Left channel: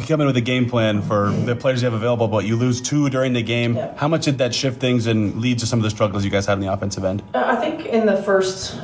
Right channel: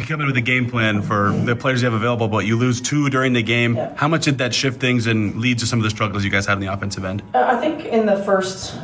You come in with a game plan for the players you have available, but you lose 2 during the game. Yeah. How much did that shift things and lead to some of the struggles you guys had on the offensive end? I think in the first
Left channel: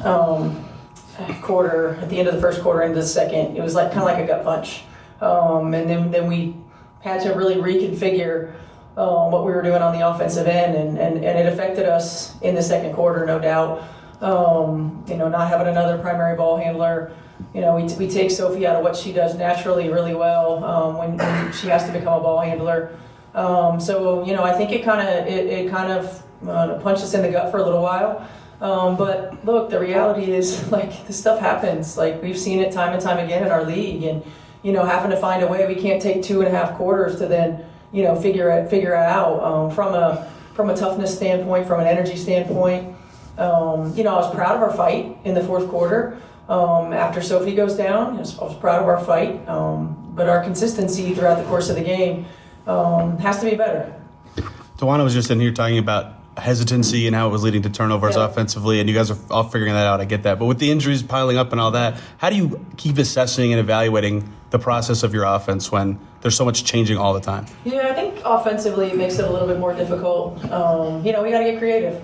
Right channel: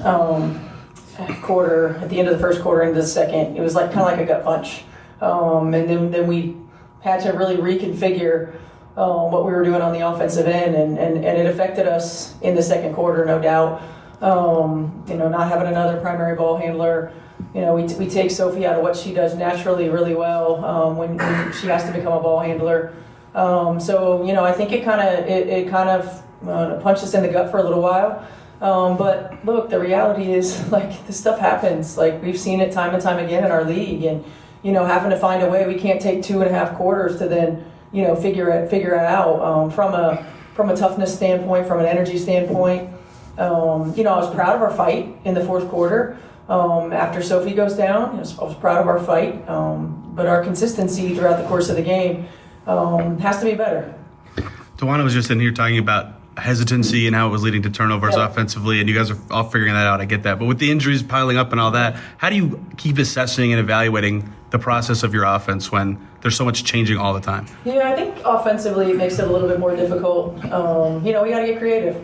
quarter, at the end of the first quarter into the second, it was like kind of like a gut punch. And then we had to really reconfigure what we were doing on the offensive end, and it affected us in the second quarter, no doubt. Not having another primary ball handler. We take Sophie out of what she does naturally really well when she has to become a ball handler. I think it kind of punched us in the gut for a little while. But look, the reality is, like, this stuff happens. Like, we've seen it time and time again in our league, and having to find a way. We can't take 2.5 quarters to then figure it out from a toughness standpoint, from an energy standpoint. I was proud of our fight in the fourth quarter. After Sophie goes down, I was proud of our fight, but our consistency throughout the course of the game has to be better. Tawana was just in here talking about hesitancy and how it was leading to turnovers offensively, and you guys are all figuring that out. I get that. But with the injuries piling up and all that, how do you keep assessing and evaluating the process of your offense when there's so much changing all the time? Yeah, I think offensively it makes it a little bit more difficult. We got to get creative.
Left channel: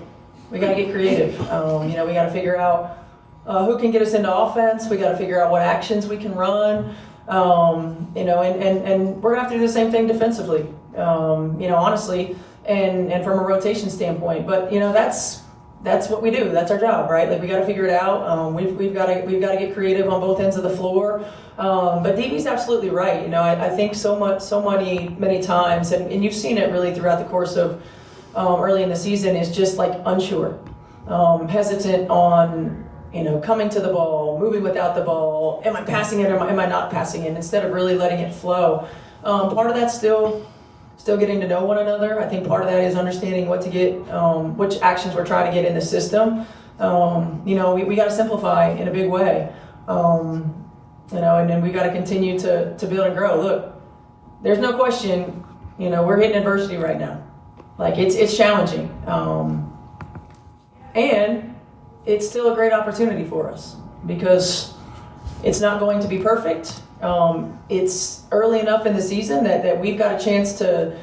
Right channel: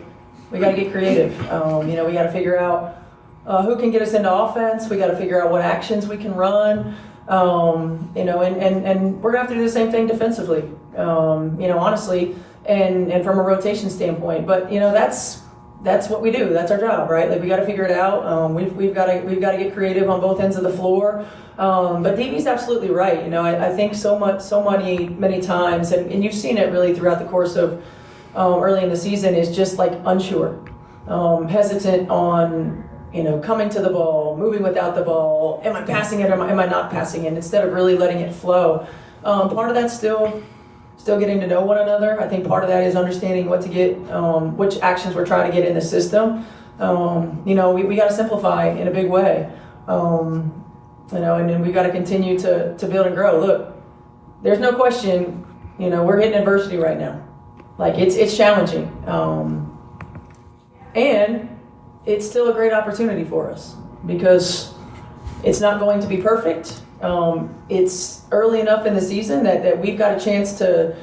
We got to figure out who can get us into offense. We got to figure out what actions we can run. And we're gonna have to do the same thing defensively. Honestly, and from a rotation standpoint. But that's what we do. That's our job, right? Like, we got to figure it out. We've got to get creative on both ends of the floor. But DB's absolutely right. I think many times, and you've seen it really throughout the course of early in the season, is just like unsure, hesitant on coming to the ball, moving without the ball. Am I passing it? Am I not passing it? Instead of really letting it flow. Part of that's still getting to know one another. I think part of that is understanding what to get, which actions we're trying to get in the system. We got to simplify in a big way. And then we got to continue to build and grow. Look, there's no question, we're hitting adversity right now. Like, it's challenging. And it's still a great opportunity for us because it's not going to be perfect. It's early enough in the season that we've got a chance to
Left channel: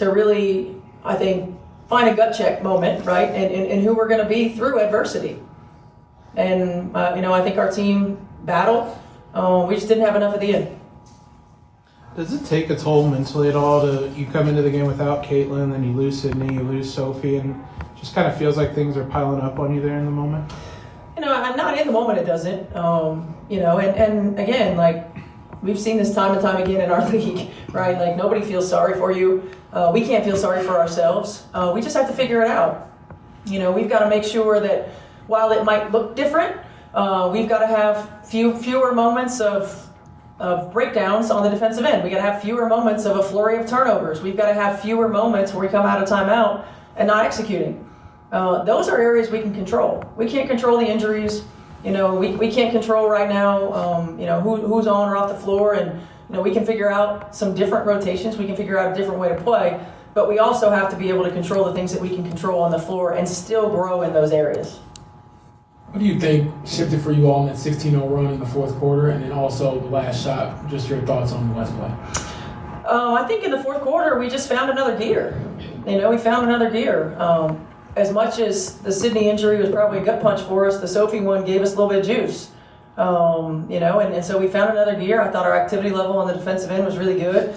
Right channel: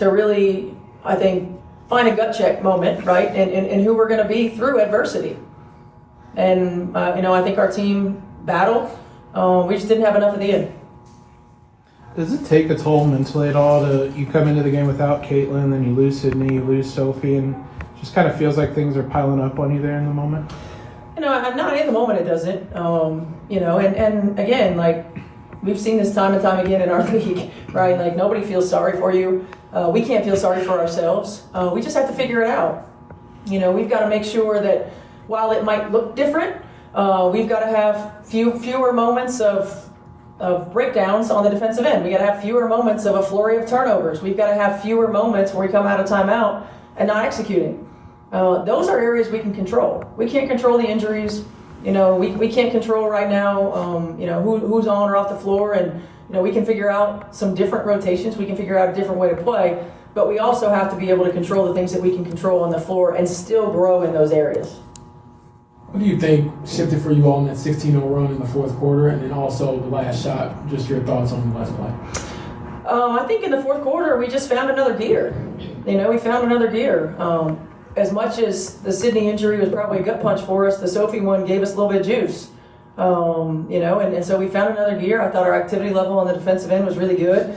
really, I think, find a gut check moment, right? And who we're going to be through adversity. And, I think our team battled. We just didn't have enough at the end. Does it take a toll mentally at all you come into the game without Caitlin, then you lose Sydney, you lose Sophie, and just kind of feels like things are piling up on you there in the moment? I'm not in the moment. It doesn't. And again, like, we've seen this time and time again in our league, right? Like, nobody feels sorry for you. We can't feel sorry for ourselves. We just have to figure it out. We've got to make sure that while it might look different, we've got to have fewer moments of breakdowns on the defensive end. We got to have fewer moments of a flurry of turnovers. We've got to have fewer moments where we come out of timeout and not executing. Those are areas we can control. We can't control the injuries. We can't control right now, who's on or off the floor, and we can figure out some different rotations. We can figure out a different way to play, but we also have to be able to control the things that we can control on the floor and still grow in those areas. What do you think shifted for you all in that 16-0 run in the fourth quarter, and then also the last shot? Just your thoughts on the last play. I think in the fourth quarter we just found another gear. We found another gear. As much as the Sydney injury was probably a gut punch for us, the Sophie one gave us a little bit of juice. And so we found another gear. I thought our activity level on the defensive end was really good.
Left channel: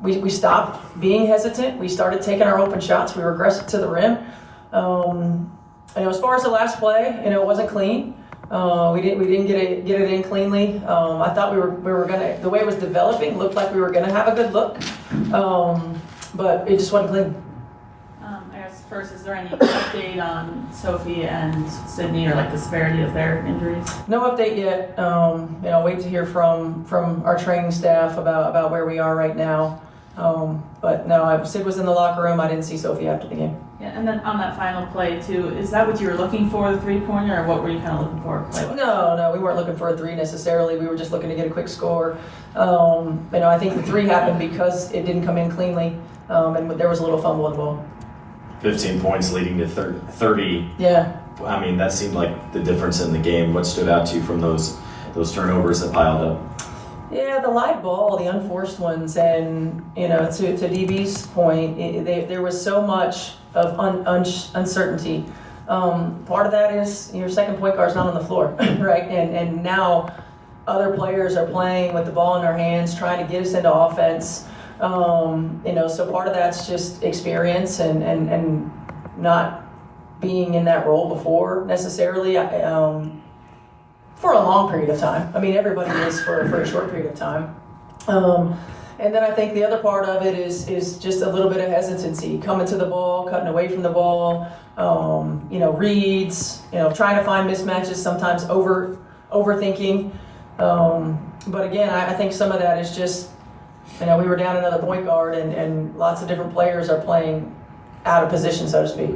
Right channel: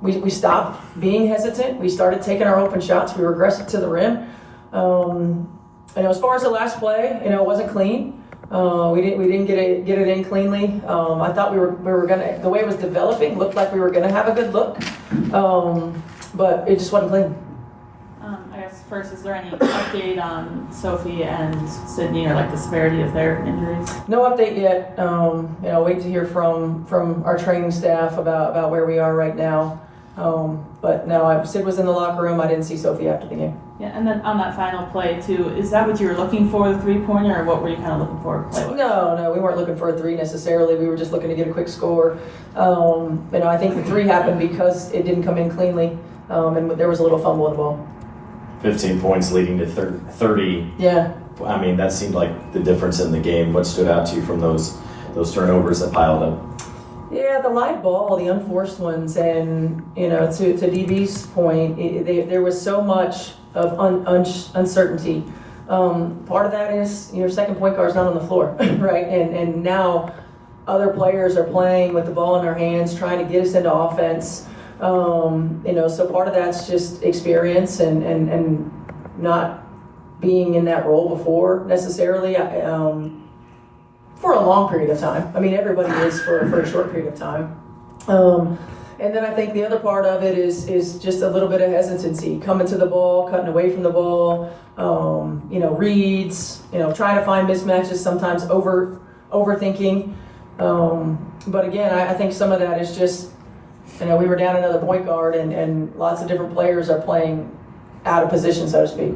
We stopped being hesitant. We started taking our open shots. We were aggressive to the rim. As far as the last play, it wasn't clean. We didn't get it in cleanly. I thought we were gonna, the way it was developing looked like we were gonna have a good look, but it just wasn't clean. I guess first, is there any update on Sophie and Sydney, or like the severity of their injuries? No update yet. Wait to hear from our training staff about where we are right now. But no, Sid was in the locker room. I didn't see Sophie after the game. Yeah, and then on that final play too, is that what you were looking for, the 3-pointer, or what were you kind of looking for? No, we weren't looking for a 3 necessarily. We were just looking to get a quick score. I think the 3 happened because it didn't come in cleanly, and there was a little fumble involved. 15 points leading to 30. Yeah. I mean, that seemed like the difference in the game. What stood out to you from those turnovers that piled up? Yeah, the live ball, the unforced ones, and to DB's point, there was so much of uncertainty. Part of that is your second point guard's not on the floor, right? And now other players are playing with the ball in their hands, trying to get us into offense. So part of that's just experience and not being in that role before necessarily. For a long period of time. I mean, everybody is for a short period of time. And then I think the other part of it is just a little bit of hesitancy, coming to the ball, cutting away from the ball, reads, trying to find mismatches, sometimes overthinking. But again, I think some of that is just, we were down another point guard and lots of different players are playing out of position, so to speak.